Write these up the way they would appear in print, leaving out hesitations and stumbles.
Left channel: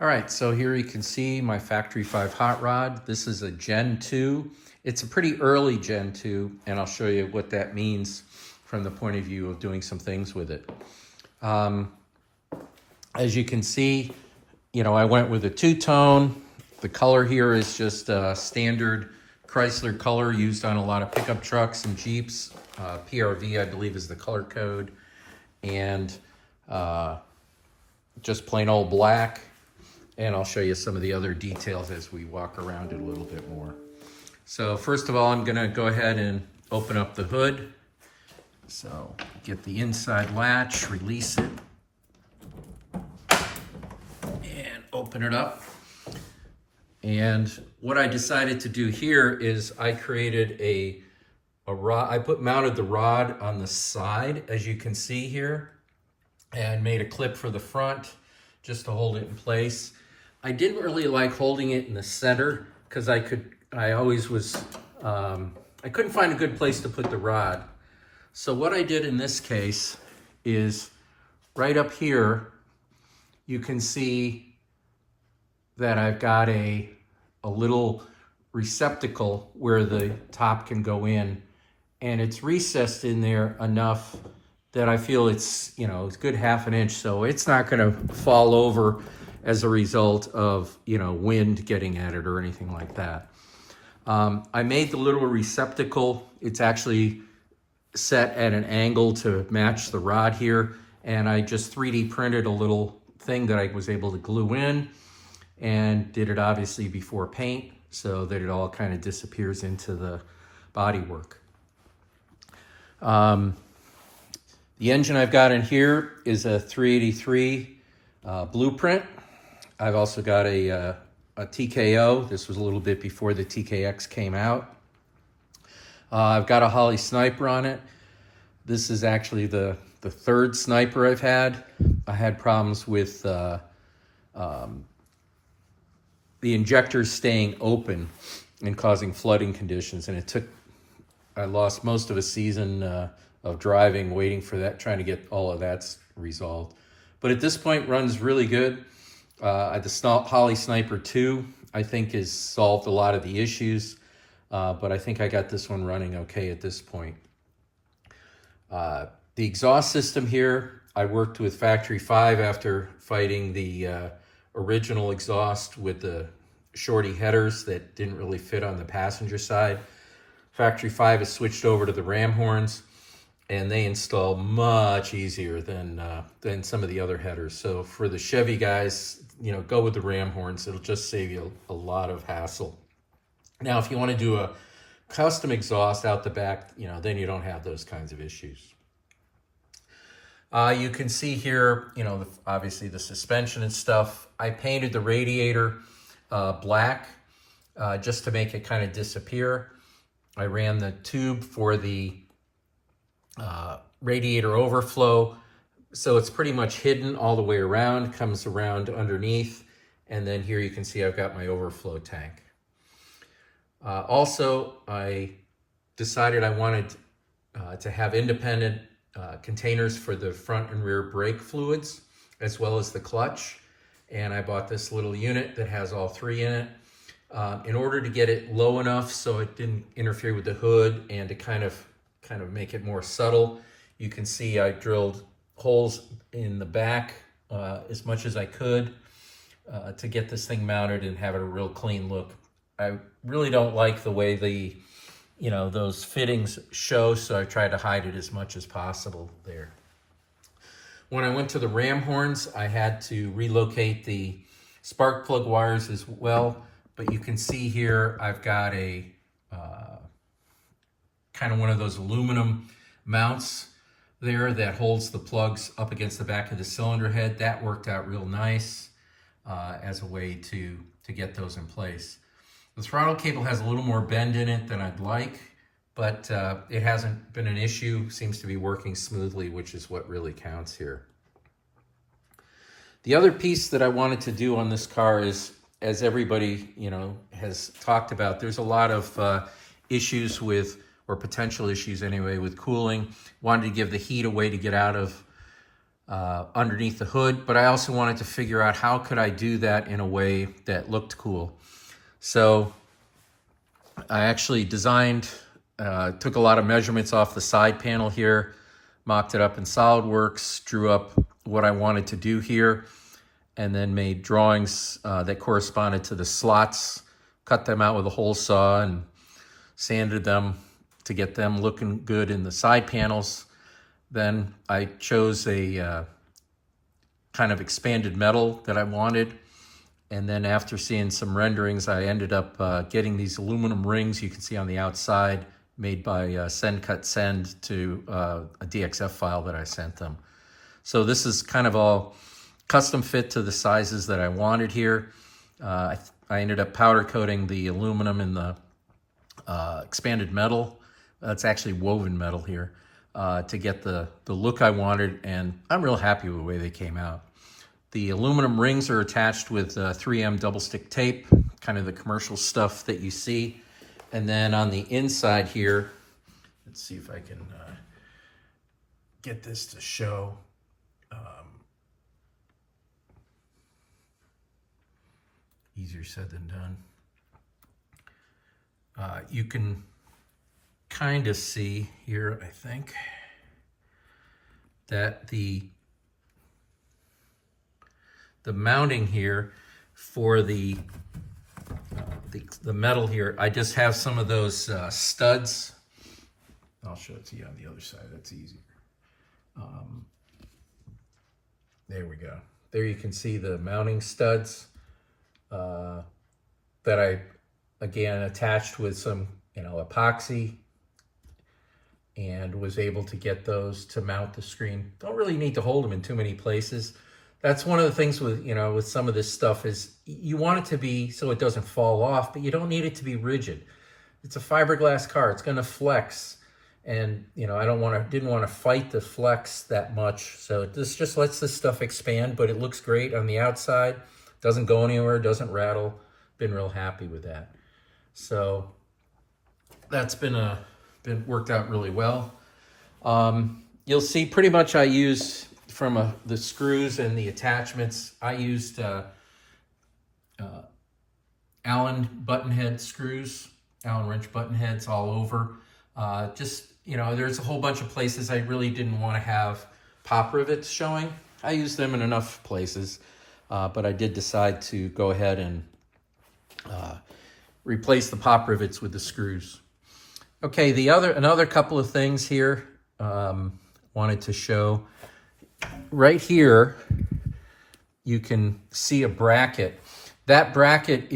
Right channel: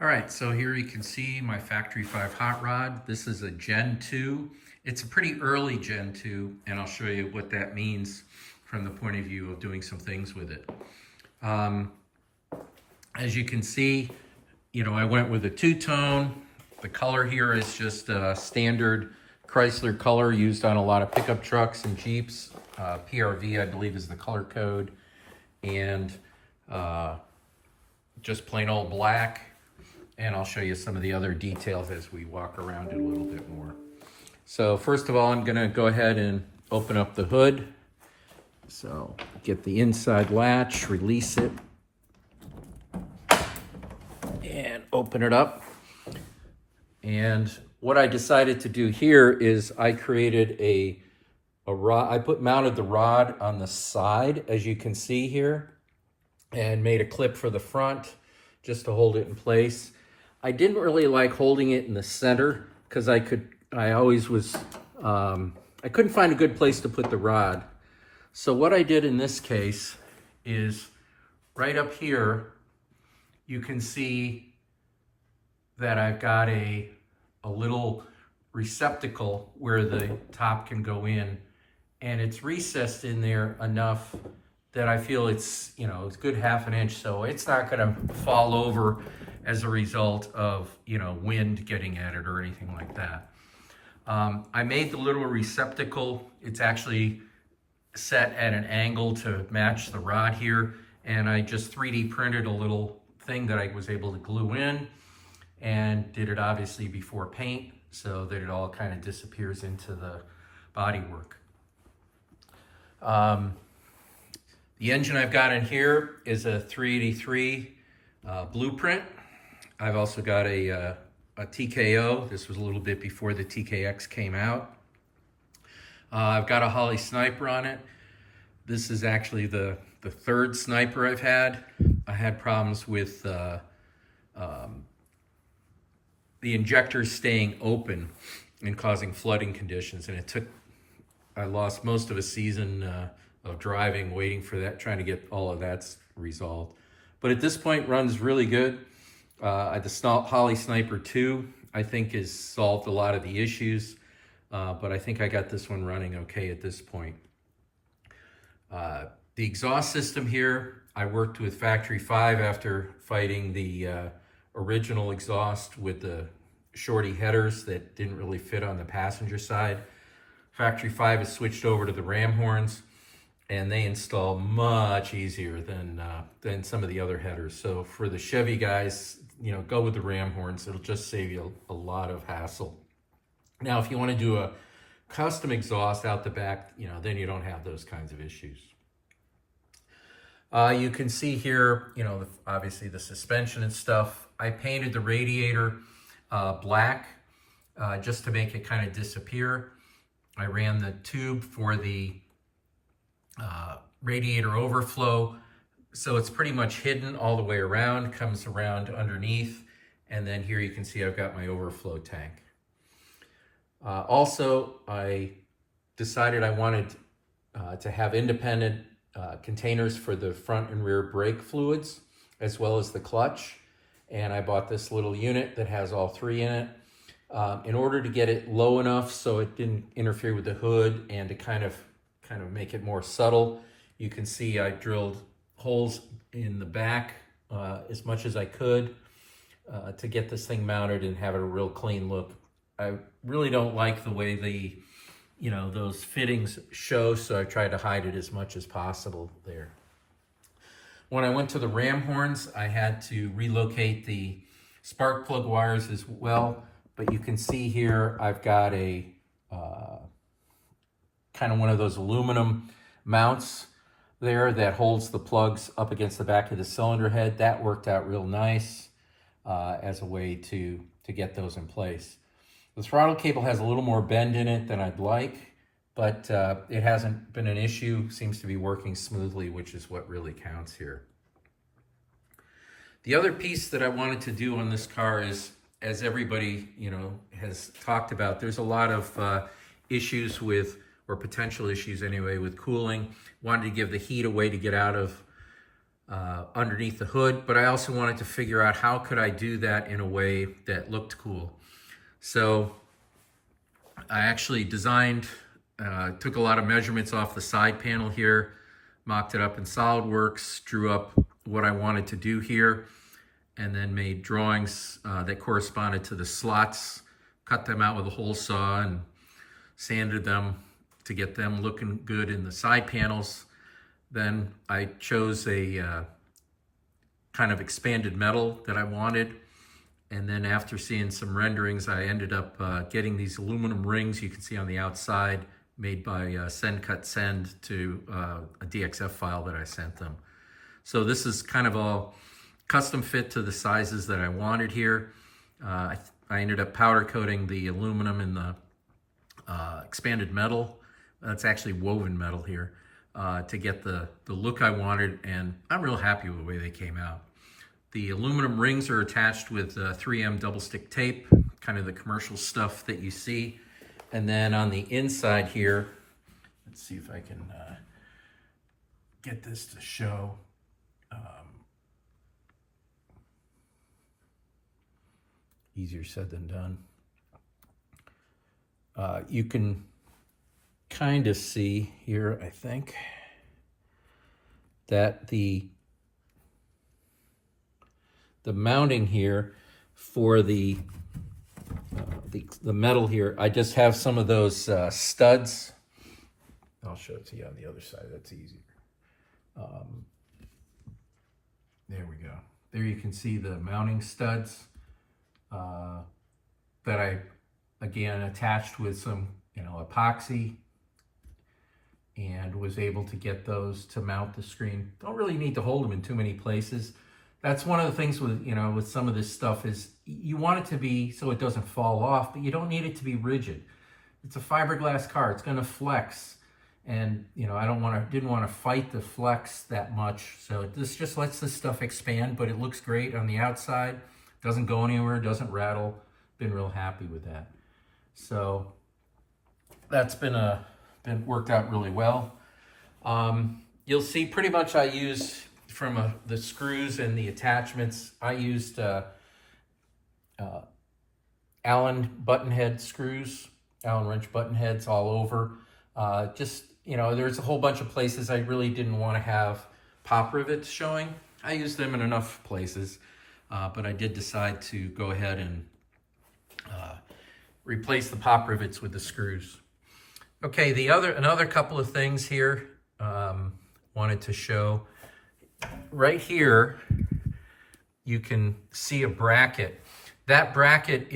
All right, so here you can see my Factory 5 hot rod. This is a Gen 2. It's a pretty early Gen 2, and I'll show you what that means from the point of view of doing some things with it. As you can see, I went with a two-tone. The color here is just a standard Chrysler color used on a lot of pickup trucks and Jeeps. PRV, I believe, is the color code. And just plain old black. And I'll show you some of the other details as we walk around it a little bit more. So first of all, I'm gonna go ahead and open up the hood. So get the inside latch, release it, and open it up. And what I decided to do here is I created a rod. I mounted the rod on the side, as you can see here, and made a clip for the front just to hold it in place. I didn't really like holding it in the center because I couldn't find a good place to put the rod. So what I did in this case is right up here, you can see that I've got a little receptacle where the top can go in, and it's recessed in there enough that I feel it's a good half an inch, so it's not gonna fall over as a result of, wind getting at it or anything like that. I made the little receptacle. It's actually set at an angle to match the rod here. And I just 3D printed a little thing that I was able to glue in and did it obviously before paint so that it all kind of disappears into the bodywork. The engine I've got in here is a 383 Blueprint. I've also got a TKO. This was a little bit before the TKX came out. I've got a Holley Sniper on it. This is actually the third Sniper I've had. I had problems with the injectors staying open and causing flooding conditions, and I lost most of a season of driving, waiting for that, trying to get all of that resolved. But at this point, runs really good. The Holley Sniper 2, I think, has solved a lot of the issues, but I think I got this one running okay at this point. The exhaust system here, I worked with Factory 5 after fighting the original exhaust with the shorty headers that didn't really fit on the passenger side. Factory 5 has switched over to the ram horns, and they install much easier than some of the other headers. So for the Chevy guys, go with the ram horns. It'll just save you a lot of hassle. Now, if you want to do a custom exhaust out the back, then you don't have those kinds of issues. You can see here, obviously the suspension and stuff. I painted the radiator black just to make it kind of disappear. I ran the tube for the radiator overflow, so it's pretty much hidden all the way around, comes around underneath, and then here you can see I've got my overflow tank. Also, I decided I wanted to have independent containers for the front and rear brake fluids, as well as the clutch, and I bought this little unit that has all three in it. In order to get it low enough so it didn't interfere with the hood and to kind of make it more subtle, you can see I drilled holes in the back as much as I could to get this thing mounted and have it a real clean look. I really don't like the way those fittings show, so I tried to hide it as much as possible there. When I went to the ram horns, I had to relocate the spark plug wires as well, but you can see here I've got a kind of one of those aluminum mounts there that holds the plugs up against the back of the cylinder head. That worked out real nice as a way to get those in place. The throttle cable has a little more bend in it than I'd like, but it hasn't been an issue. Seems to be working smoothly, which is what really counts here. The other piece that I wanted to do on this car is, as everybody has talked about, there's a lot of issues with, or potential issues anyway, with cooling. Wanted to give the heat a way to get out of underneath the hood, but I also wanted to figure out how could I do that in a way that looked cool. So I actually designed, took a lot of measurements off the side panel here, mocked it up in SolidWorks, drew up what I wanted to do here, and then made drawings that corresponded to the slots, cut them out with a hole saw and sanded them to get them looking good in the side panels. Then I chose a kind of expanded metal that I wanted. And then after seeing some renderings, I ended up getting these aluminum rings you can see on the outside made by Send Cut Send to a DXF file that I sent them. So this is kind of all custom fit to the sizes that I wanted here. I ended up powder coating the aluminum in the expanded metal. That's actually woven metal here. To get the look I wanted, and I'm real happy with the way they came out. The aluminum rings are attached with 3M double stick tape, kind of the commercial stuff that you see. And then on the inside here, let's see if I can get this to show. Easier said than done. You can kind of see here, I think, that the mounting here for the metal here, I just have some of those studs. I'll show it to you on the other side. That's easier. There we go. There you can see the mounting studs that I, again, attached with some, epoxy, and was able to get those to mount the screen. Don't really need to hold them in too many places. That's one of the things with, with some of this stuff is you want it to be so it doesn't fall off, but you don't need it to be rigid. It's a fiberglass car. It's going to flex. And, I didn't want to fight the flex that much. So this just lets this stuff expand, but it looks great on the outside. Doesn't go anywhere, doesn't rattle. Been real happy with that. So that's been worked out really well. You'll see pretty much I used from the screws and the attachments. I used Allen button head screws, Allen wrench button heads all over. There's a whole bunch of places I really didn't want to have pop rivets showing. I used them in enough places, but I did decide to go ahead and replace the pop rivets with the screws. Okay, another couple of things here wanted to show. Right here, you can see a bracket. That bracket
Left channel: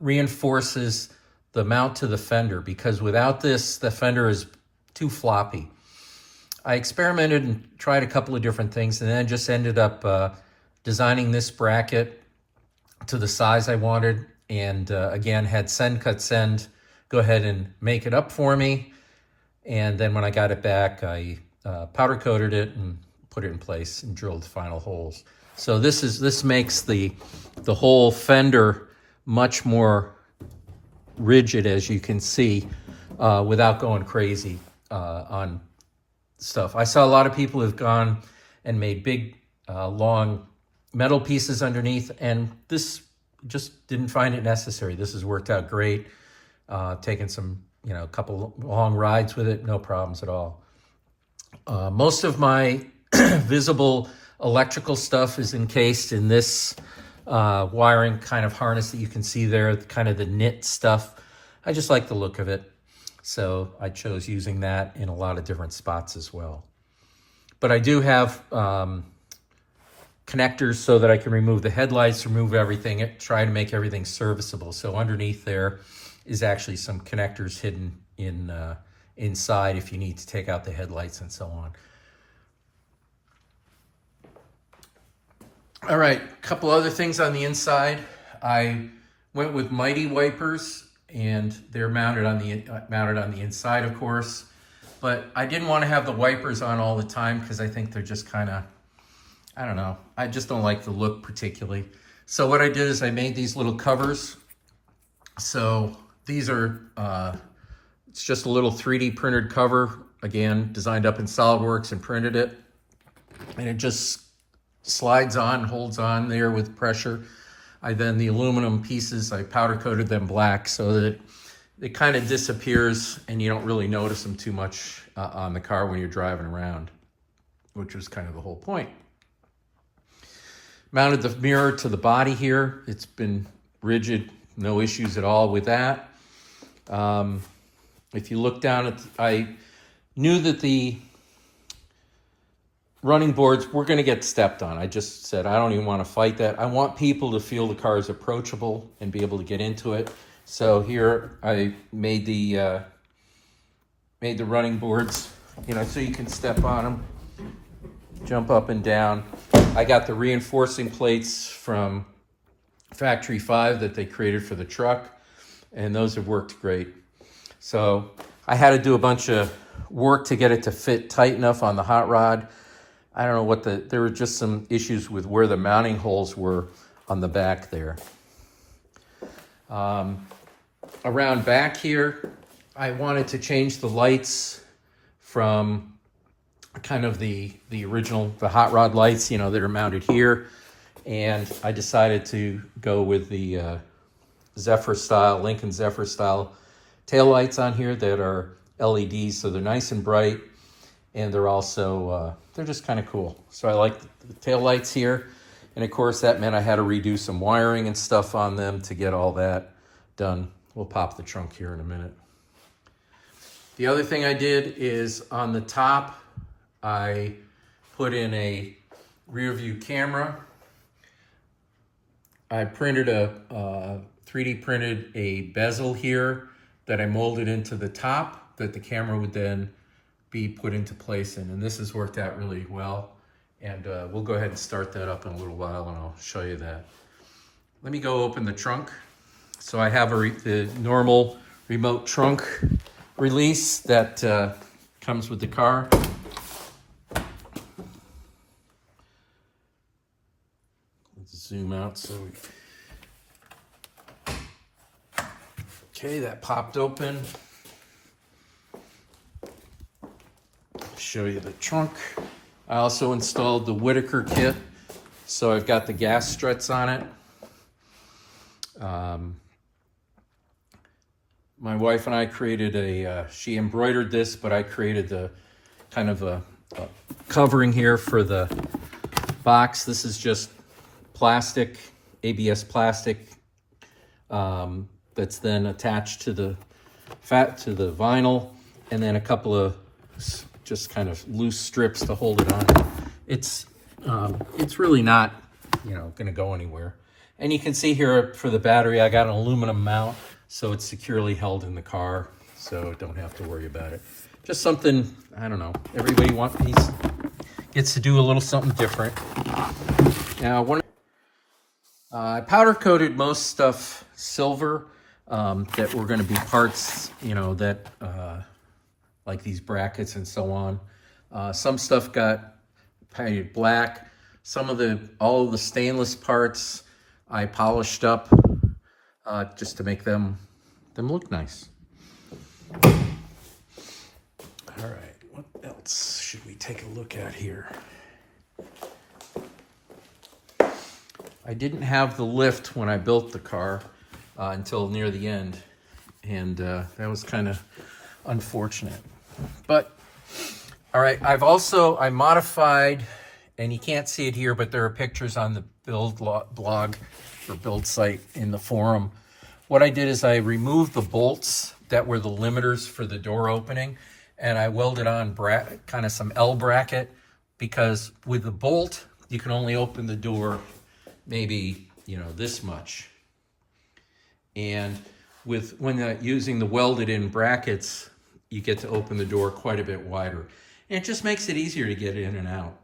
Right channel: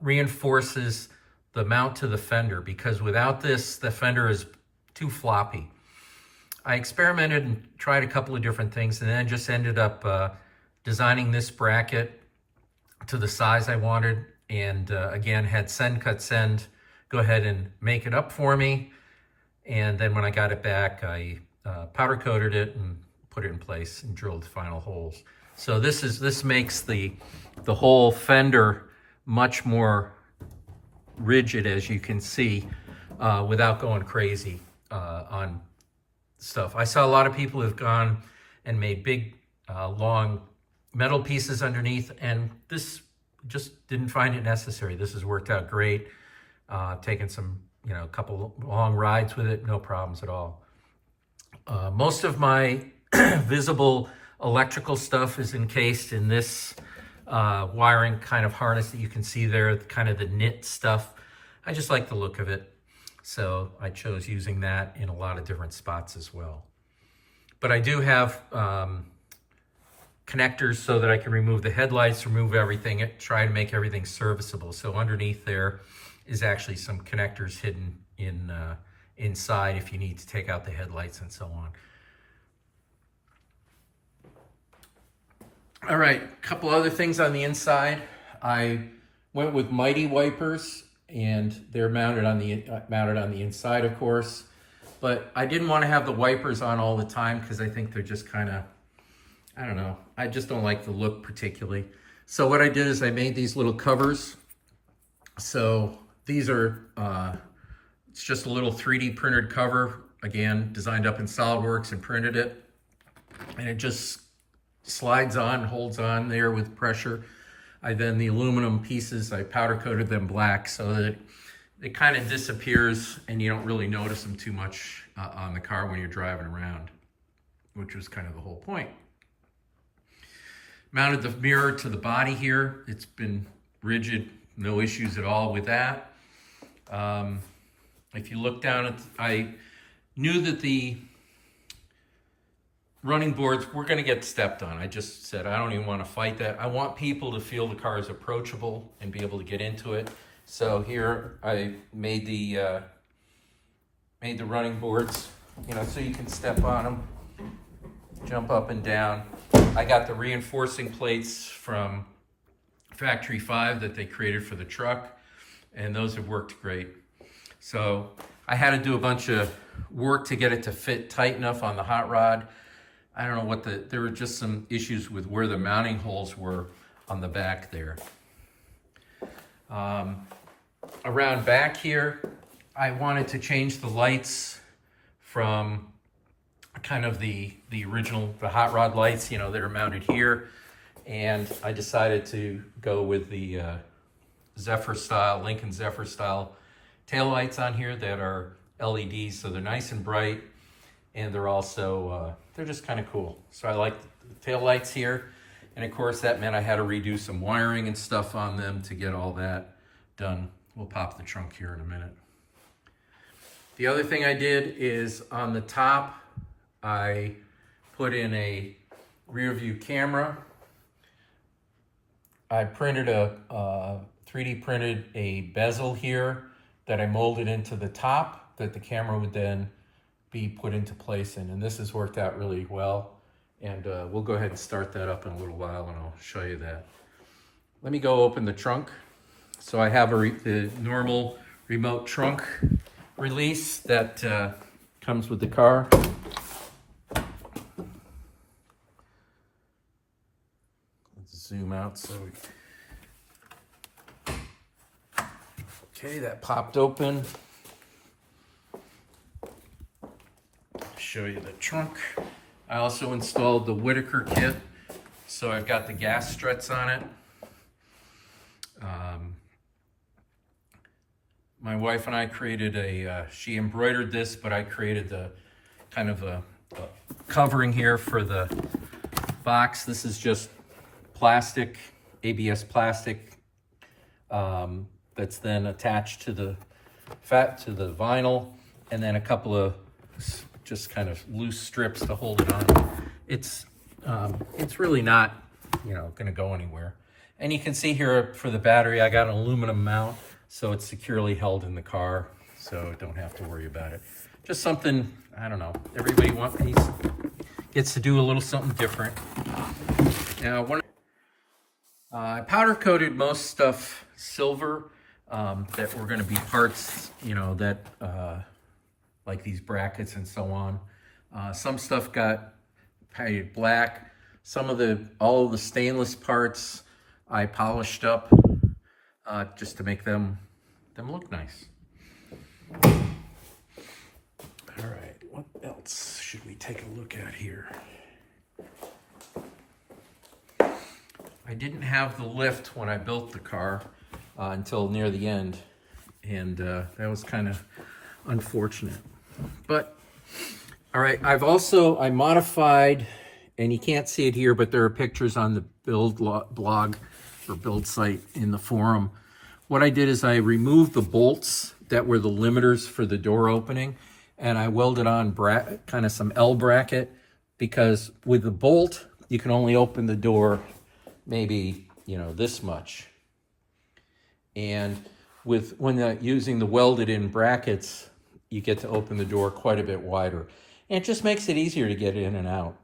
reinforces the mount to the fender, because without this, the fender is too floppy. I experimented and tried a couple of different things, and then just ended up designing this bracket to the size I wanted, and again, had Send Cut Send go ahead and make it up for me. And then when I got it back, I powder coated it and put it in place and drilled the final holes. So this makes the whole fender much more rigid, as you can see, without going crazy on stuff. I saw a lot of people who've gone and made big, long metal pieces underneath, and this just didn't find it necessary. This has worked out great. Taken some, a couple long rides with it, no problems at all. Most of my visible electrical stuff is encased in this wiring kind of harness that you can see there, kind of the knit stuff. I just like the look of it, so I chose using that in a lot of different spots as well. But I do have connectors so that I can remove the headlights, remove everything, try to make everything serviceable. So underneath there is actually some connectors hidden inside if you need to take out the headlights and so on. All right, a couple other things on the inside. I went with Mighty wipers, and they're mounted on the inside, of course. But I didn't want to have the wipers on all the time because I think they're just kind of, I don't know. I just don't like the look particularly. So what I did is I made these little covers. So these are, it's just a little 3D printed cover, again, designed up in SolidWorks and printed it. and it just slides on, holds on there with pressure. The aluminum pieces, I powder coated them black so that it kind of disappears and you don't really notice them too much on the car when you're driving around, which was kind of the whole point. Mounted the mirror to the body here. It's been rigid, no issues at all with that. If you look down at, I knew that the running boards were going to get stepped on. I just said, I don't even want to fight that. I want people to feel the car is approachable and be able to get into it. So here I made the running boards, so you can step on them, jump up and down. I got the reinforcing plates from Factory 5 that they created for the truck, and those have worked great. So I had to do a bunch of work to get it to fit tight enough on the hot rod. I don't know there were just some issues with where the mounting holes were on the back there. Around back here, I wanted to change the lights from kind of the original, the hot rod lights, that are mounted here. And I decided to go with the Zephyr style, Lincoln Zephyr style taillights on here that are LEDs. So they're nice and bright, and they're also, they're just kind of cool. So I like the taillights here. And of course that meant I had to redo some wiring and stuff on them to get all that done. We'll pop the trunk here in a minute. The other thing I did is on the top, I put in a rear view camera. I printed 3D printed a bezel here that I molded into the top that the camera would then be put into place in. And this has worked out really well. And we'll go ahead and start that up in a little while and I'll show you that. Let me go open the trunk. So I have the normal remote trunk release that comes with the car. Let's zoom out okay, that popped open. Show you the trunk. I also installed the Whitaker kit, so I've got the gas struts on it. My wife and I created she embroidered this, but I created the kind of a covering here for the box. This is just plastic, ABS plastic, that's then attached to the vinyl, and then a couple of just kind of loose strips to hold it on. It's really not, gonna go anywhere. And you can see here for the battery, I got an aluminum mount, so it's securely held in the car, so don't have to worry about it. Just something, I don't know, everybody gets to do a little something different. Now, I powder coated most stuff silver that were gonna be parts, that, like these brackets and so on. Some stuff got painted black. All of the stainless parts I polished up just to make them look nice. All right, what else should we take a look at here? I didn't have the lift when I built the car until near the end, and that was kind of unfortunate. But all right, I modified, and you can't see it here, but there are pictures on the build blog or build site in the forum. What I did is I removed the bolts that were the limiters for the door opening, and I welded on kind of some L bracket, because with the bolt you can only open the door maybe this much, and when using the welded in brackets, you get to open the door quite a bit wider. And it just makes it easier to get in and out.